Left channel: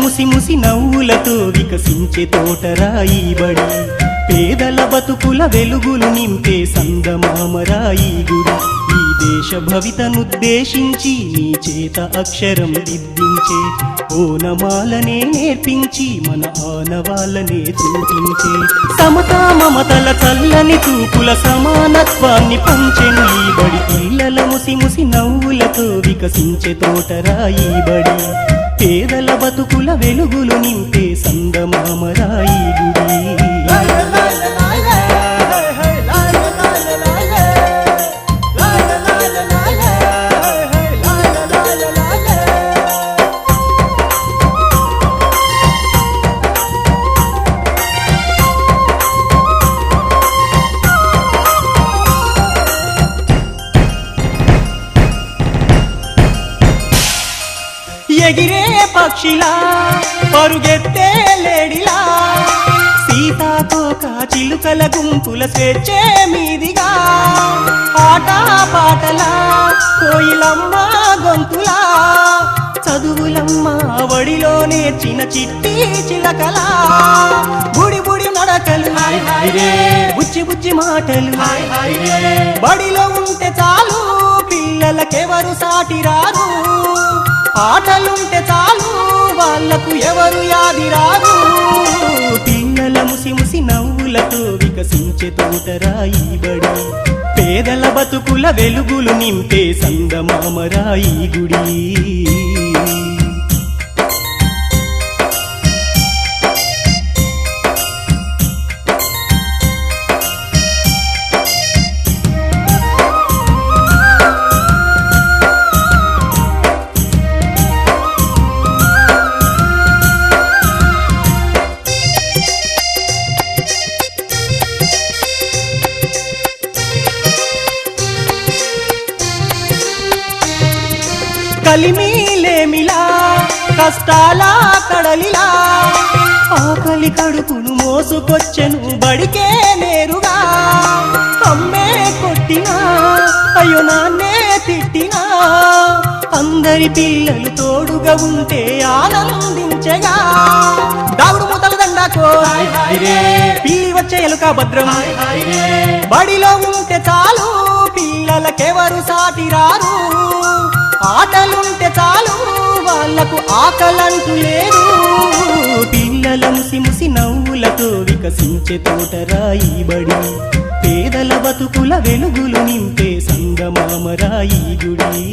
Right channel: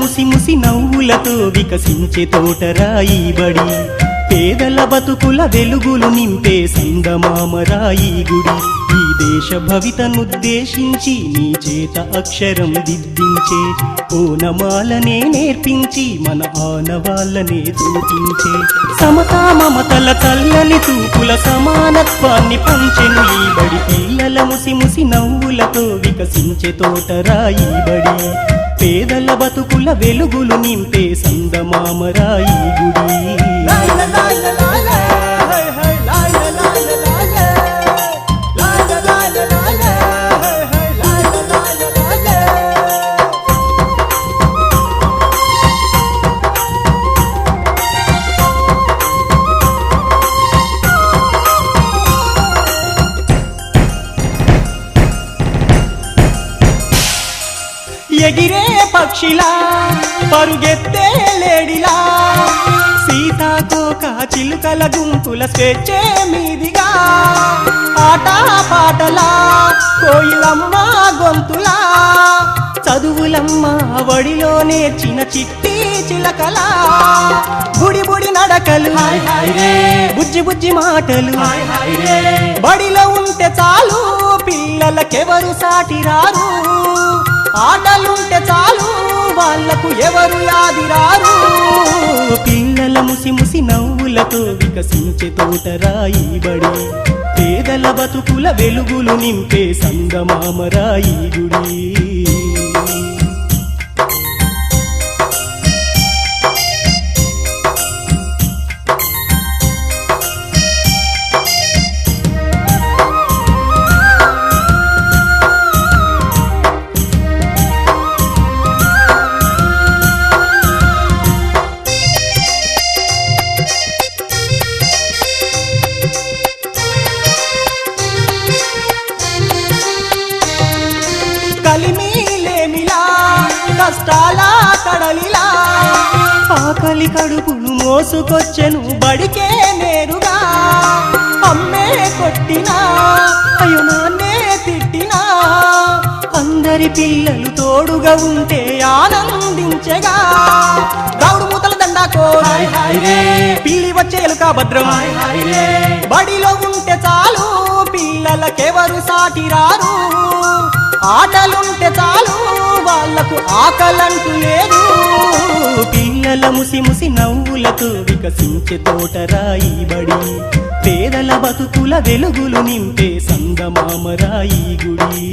ముసి ముసి నవ్వులతో వికసించే తోటరాయి బడి, పేదల బతుకుల వెలుగులు నింపే సంగమామరాయి గుడి. ఈ దేశ భవితనుద్దేశించి నీ చేత అక్షరం దిద్దించే ఓనమాలనే నేర్పించి మన ఆనవాళ్ళనే చూపించే సమతా మమతల చల్లని చూపుల సమానత్వాన్ని పంచెను ఈ బడి. పిల్లల ముసి ముసి నవ్వులతో వికసించే తోటరాయి బడి, పేదల బతుకుల వెలుగులు నింపే సంగమామరాయి గుడి. ఎగిరే పక్షిలా పరుగెత్తే లేడిలా, సీతాకోక చిలుకల గుంపుల స్వేచ్ఛే మీదిగా, ఆట పాటలా కోయిలమ్మ గొంతులా, చదువులమ్మ వడిలో నేర్చిన చిట్టి చిలకలా, బుడి బుడి నడకలు బుచ్చి బుచ్చి మాటలు, బడిలో ఉంటే చాలు పిల్లలకెవరు సాటి రారు, ఆటలుంటే చాలు వాళ్ళకు ఎవరు యాది రారు. పిల్లల ముసి ముసి నవ్వులతో వికసించే తోటరాయి బడి, పేదల బతుకుల వెలుగులు నింపే సంగమామరాయి గుడి. కలిమిలేమిలా కష్టాల కడలిలా, ఆకలి కడుపును మోసుకొచ్చెను బడికే నేరుగా, అమ్మే కొట్టినా అయ్యో నాన్నే తిట్టినా, అందరి పిల్లలు తోడుగా ఉంటే ఆనందించగా, దావుడు మూతల దండాకో పీరి వచ్చే ఎలుక భద్రం, బడిలో ఉంటే చాలు పిల్లలకెవరు సాటి రారు, ఆటలుంటే చాలు వాళ్ళకు ఆకలంటూ లేరు. పిల్లల ముసి ముసి నవ్వులతో వికసించే తోటరాయి బడి, పేదల బతుకుల వెలుగులు నింపే సంగమామరాయి గుడి.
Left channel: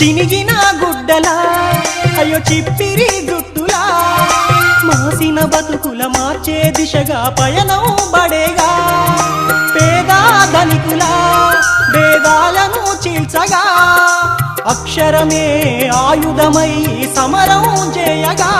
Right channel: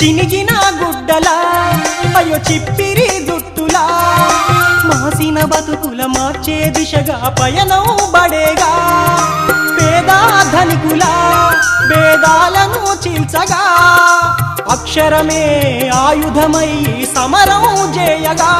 చినిగిన గుడ్డలా అయ్యో చిప్పిరి దుట్టులా, మాసిన బతుకుల మార్చే దిశగా పయనం బడేగా, పేద ధనికుల భేదాలను చీల్చగా, అక్షరమే ఆయుధమై సమరం చేయగా,